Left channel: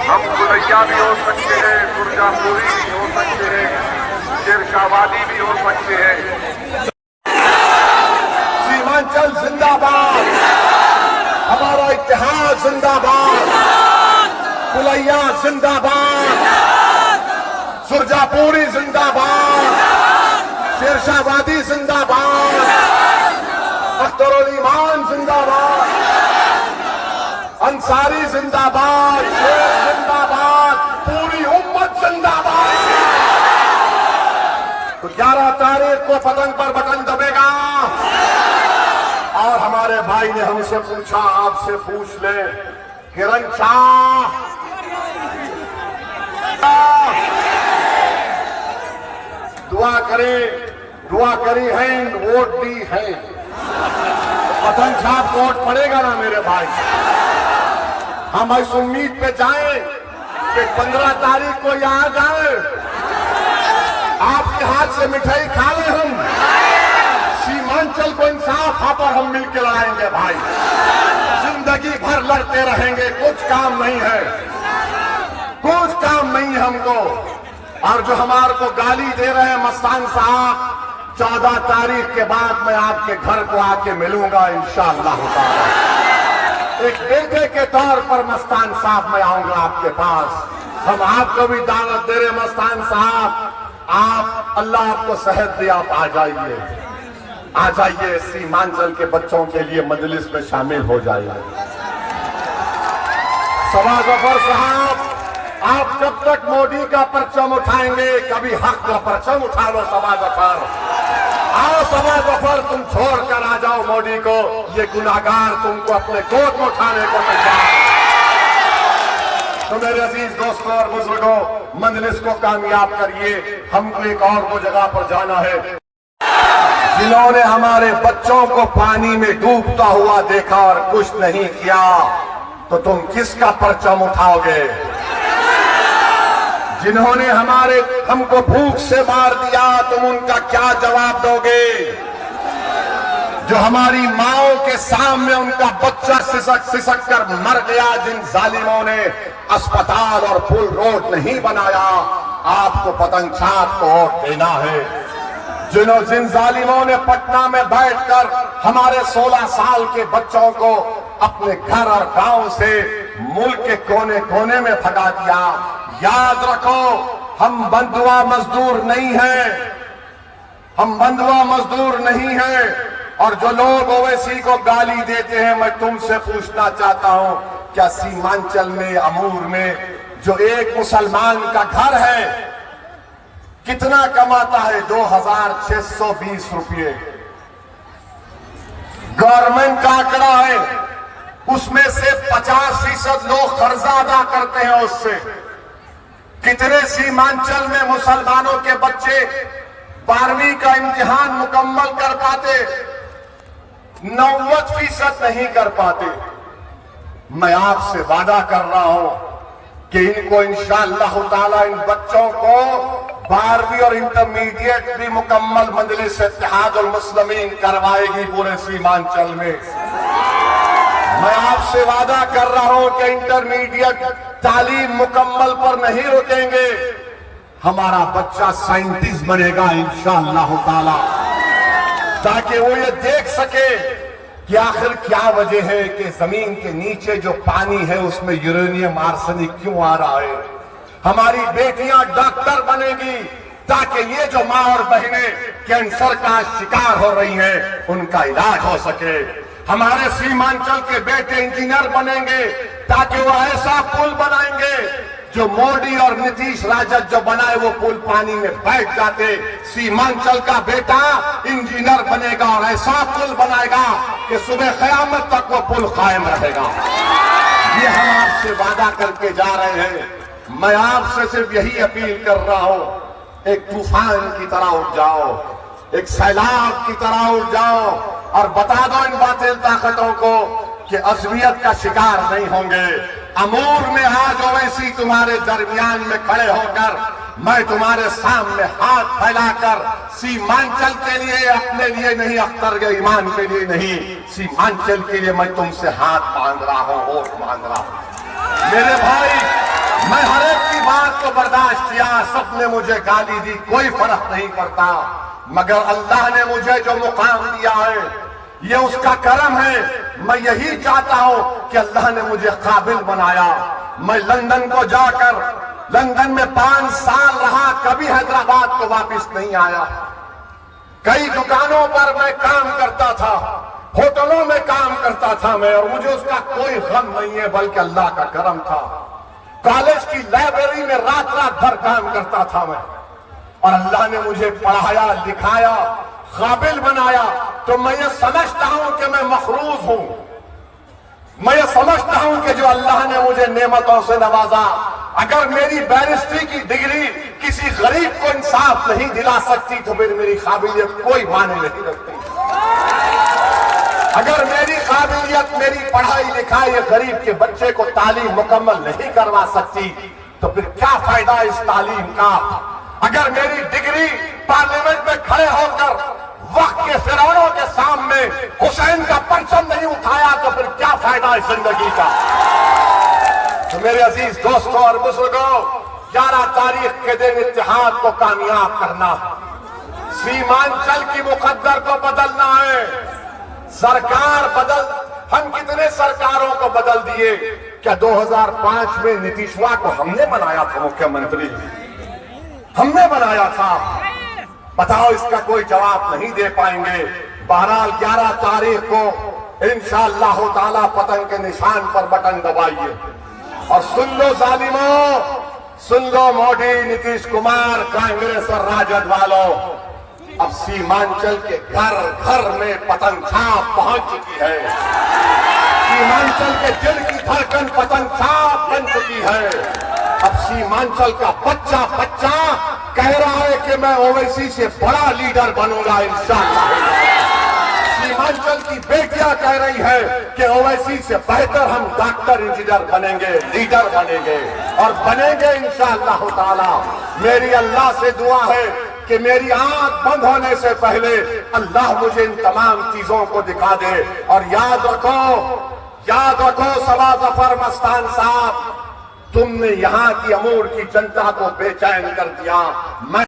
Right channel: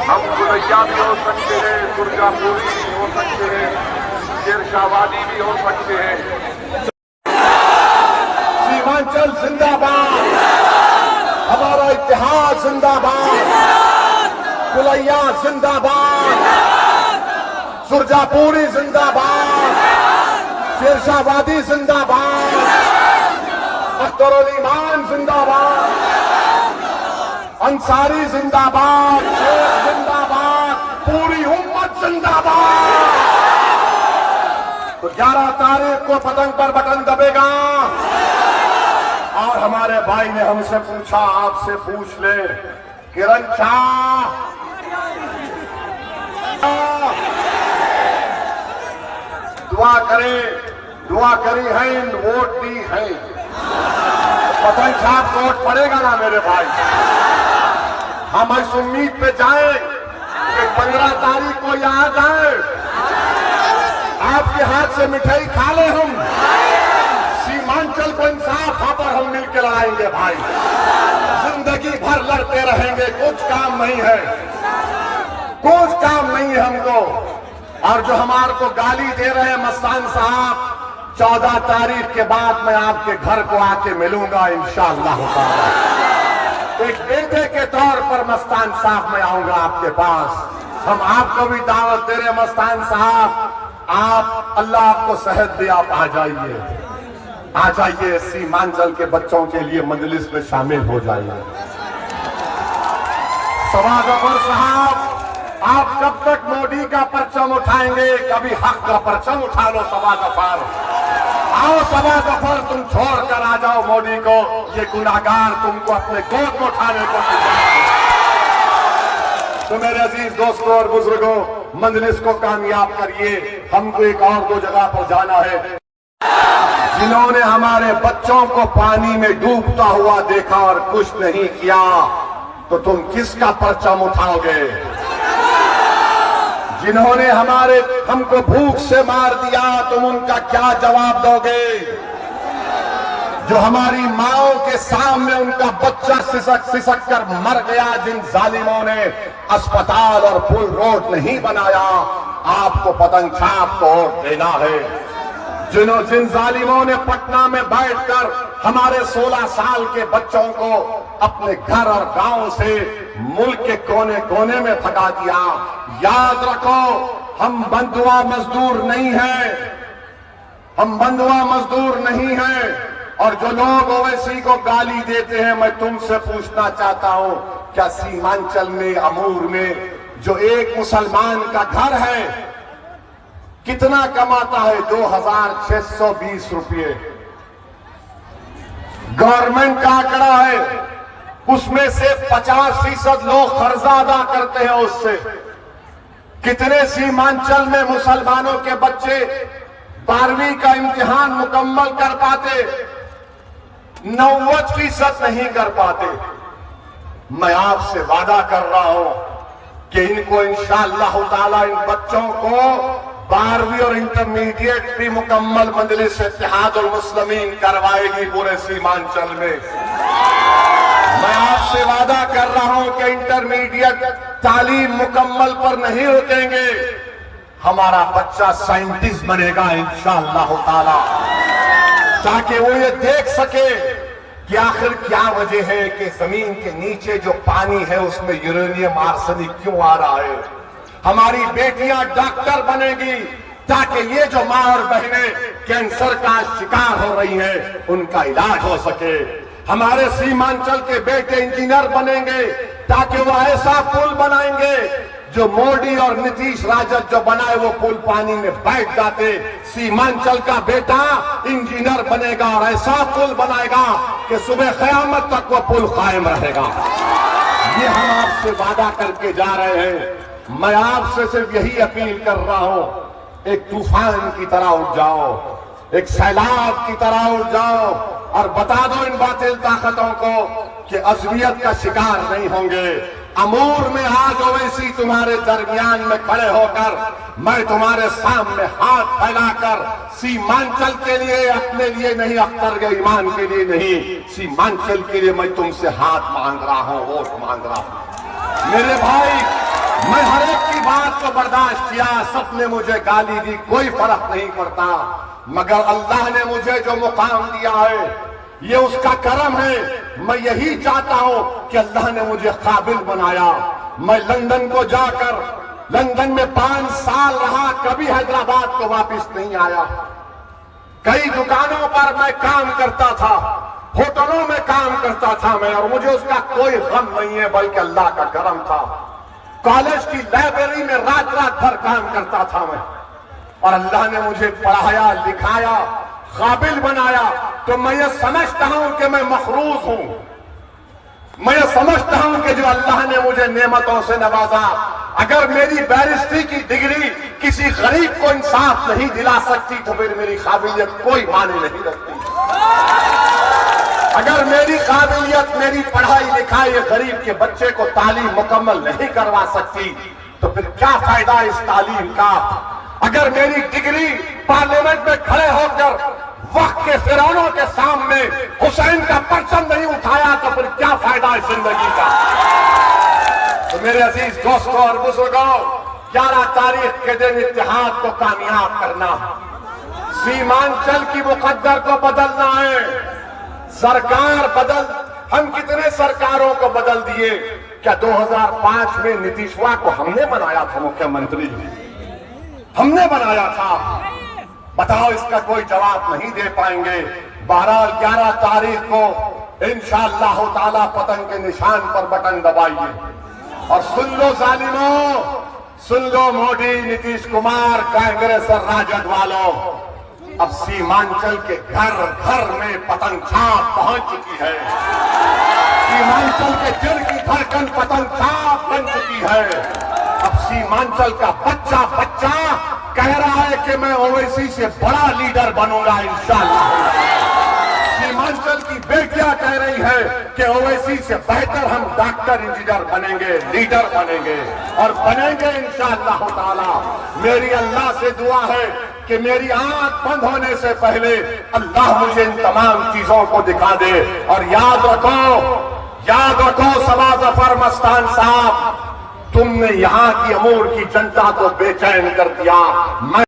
हम गुलैया भी हो सकते हैं, सुरजापुरी भी हो सकते हैं, शेरशाहवादी भी हो सकते हैं। सीमांचल जिंदाबाद, हमारा इतिहास जिंदाबाद, गुलैया जिंदाबाद, सुरजापुरी जिंदाबाद, शेरशाहवादी जिंदाबाद, अख्तरुल ईमान जिंदाबाद, अंसारी जिंदाबाद, शेख जिंदाबाद, पूरी उम्मत जिंदाबाद। तो 11 तारीख को पतंग पर बटन दबेगा। और हमारे भाई ने हमसे पूछा, आपसे पूछ ले, किरण शाह दुआ करी है, वोट दी है, पतंग छाप वोट पड़ेगा ना मेरे भाई। हम इस उम्मीद पे जाएं कि 15 तारीख को यहां जाएं, आपके हाथ से मिठाई खा ले, हम सीमांचल को इंसाफ पर हम मिलकर लड़ाएंगे भाई। जिंदगी भर लड़ते रहेंगे, कुछ काम नहीं है, कुछ काम नहीं है हमको। और जो हमारे को गाली दे रहे हैं मस्तान साहब, 14 तारीख के बाद मैं आपके घर को आके मिलूंगा इंशाअल्लाह। एक बेटे के तौर पर मस्तान साहब मैं आऊंगा आपके पास। हम आपको भी दावत दे रहे मस्तान साहब, आप अल्लाह आपको सेहत दे, आप आ जाइए सीमांचल के बच्चों के लिए मजलिस में शामिल हो जाइए। समा जफर साहब, आप कब तक मोदी का परचम उठाएंगे? कभी हक का परचम उठा लो समा जफर। आओ समा जफर, तुम छोड़कर आ जाओ मोदी को, ये गुनाहगार तुमको अपने गोद में उठाने को नहीं। तो मेरे अजीज दोस्तों और बुजुर्गों, मंजलिस को कामयाब करिए। हमको एक और दो जगह पर जाना है। जिन्होंने हमारे बच्चों को पानी में डूबता हुआ देखा और कुछ नहीं किया, तो तुम किसका परचम उठाओगे? जिन्होंने हमको भूख से मार दिया, तुम उनका क्या जवाब दोगे? जो हमारी माओ के सामने उनका बच्चा सिसक कर मर गया, जिन जालिमों ने अस्पताल और पुल रोड नहीं बनाया, आपको पतंग छाप को वोट देना है। जिन जालिमों ने पटना में बैठकर हमारे 16 साल के बच्चों को अपने घर और गांव से मुल्क के कोने कोने में भगा दिया, याद रखो, हम बंधुआ मजदूर नहीं हैं, हम बंधुआ मजदूर नहीं हैं। और जो लोग ओवैसी को गाली देते हैं, मैं तुमसे पूछना चाहता हूं, क्या सीमांचल में अमूर में जो एक मुसलमान का घर है कितना कमाता है? 2620 रुपये गवर्नमेंट का आंकड़ा है। उसमें से 50% लोग कर्जा अदा करते हैं उससे। कितने सीमांचल में मुसलमानों के बच्चे 12वीं का इम्तिहान मुकम्मल कर पाते? 90% नहीं कर पाते। मैं आपसे वादा कर रहा हूं कि इनको इंशाअल्लाह ताला, इन बच्चों को 12वीं और इंटरमीडिएट भी मुकम्मल मजलिस इत्तेहादुल मुस्लिमीन करवाएगी पूरे सीमांचल में। मैं आपसे वादा कर रहा हूं कि इंटरमीडिएट तालीम मुकम्मल पर नहीं रुकेंगे। हमारा बच्चा साइंटिस्ट बनेगा इंशाअल्लाह ताला, ताकि वो ये देख सके कि आखिर क्या वजह है कि जमीन के नीचे जो पानी है उसमें यूरेनियम आर्सेनिक क्यों आ रहा है। हमारी बेटियां डॉक्टर बनेगी ताकि ये जो माँ और बहनें कैंसर का शिकार हो रही हैं, उनका इलाज हो सके। हमारे सीमांचल के बेटे इंजीनियर बनेंगे ताकि वो ऐसा पुल बनाएंगे जो मोदी और नीतीश राजद जो बनाए वो पुल पानी में बैठ जाते। सीमांचल का बेटा इंजीनियर बनेगा और ऐसा पुल बनाएगा कि सुबह क़यामत तक वो पुल कायम रहेगा। ये हम आपसे वादा करके जा रहे हैं। मैं आपसे सिर्फ यही अपील कर रहा हूं, एक तूफान की तरह उठ जाओ, एक सैलाब की तरह उठ जाओ और बता दो इन बातिल ताकतों को कि अज़मियत का शिकार नहीं होंगे। अमूर में आज ओवैसी तुम्हारे दरमियान में खड़े होकर मैं तुम्हारे सामने हाथ फैलाकर सीमांचल के लिए, अपने लिए नहीं, अख्तर के ईमान के लिए नहीं, सीमांचल के लिए मैं तुमसे हाथ मांग रहा हूं, वोट मांग रहा हूं। मेरे भाई मैं हर एक की बात को बर्दाश्त किया, सबने मुझे गाली दी, कोई फर्क नहीं पड़ता, मगर अल्लाह ने मुझे जो मुकाम दिया है ये उसका करम है। मैं यही चाहता हूं कि अल्लाह ने मुझे काबिल बनाया। मैं लंदन को जाकर लंदन में 5 साल रहा, कभी हैदराबाद को वापस नहीं आया। कई दुकानों पर मैं काम करता था, होटलों में काम करता था मैं, और मुझे उसका कोई गम नहीं है, बल्कि अल्लाह का करम था। कॉलेज की लाइब्रेरी में रात रात भर काम करता था मैं, और अल्लाह ने मुझे पढ़ाया, लिखाया, काबिल बनाया। तो मैं ये समझता हूं कि मैं मखरूज हूं। मैं ये समझता हूं कि जो अल्लाह ने मुझे नेमतों से नवाजा, अगर मेरी बैरिस्ट्री की डिग्री किसी गरीब को इंसाफ नहीं दिला सकती तो फिर मेरी काबिलियत कोई माने नहीं रखती। अगर मेरी काबिलियत, मेरी पढ़ाई लिखाई गरीब के बच्चे को तालीम मुकम्मल नहीं करवा सकती तो फिर क्या फायदा इस तालीम का। अगर मेरी डिग्री पार्लियामेंट में खड़े होकर वक्त के फिरौनों के सामने हुसैन का परचम नहीं उठाया तो फिर क्या फायदा है जिंदगी का। तो मेरे अजीज दोस्तों और बुजुर्गों, 11 तारीख के दिन इत्तेहाद को कामयाब करना, सीमांचल की मुकद्दर को बदलना है। सरकार बदल, हम कितने सरकारों को बदल दिए। क्या 2005 में नीतीशवा को हमने बनाया था मुख्यमंत्री? हमने बनाया था। बताओ, इसका कोई जवाब नहीं दे पाएंगे। बहरहाल 11 तारीख को इंशाअल्लाह ताला पतंग के निशान पर बटन दबाइए और सुन लो जालिमों, सुन लो मोदी, नीतीश कुमार, कांग्रेस और राजद वालों, अब सीमांचल के घर घर में पतंग छाप पहुंच चुकी है। सीमांचल के दिल की धड़कन पतंग छाप बन चुकी है। अब सीमांचल का बच्चा बच्चा कह रहा है कि मैं ओवैसी से बड़ा लीडर बनूंगा इंशाअल्लाह। सीमांचल की बेटियां कह रही है कि ओवैसी से बेहतर हम डॉक्टर, इंजीनियर बनेंगे, लीडर बनेंगे और बनेंगे इंशाअल्लाह ताला। मेरी अल्लाह से दुआ है कि मेरी आंख बंद होने से पहले अल्लाह मुझे इन तमाम चीजों को दिखा दे। और याद रखो सबा जफर मस्तान साहब, तुमने यहां की अमूर की जनता को बेचैन कर दिया। मैं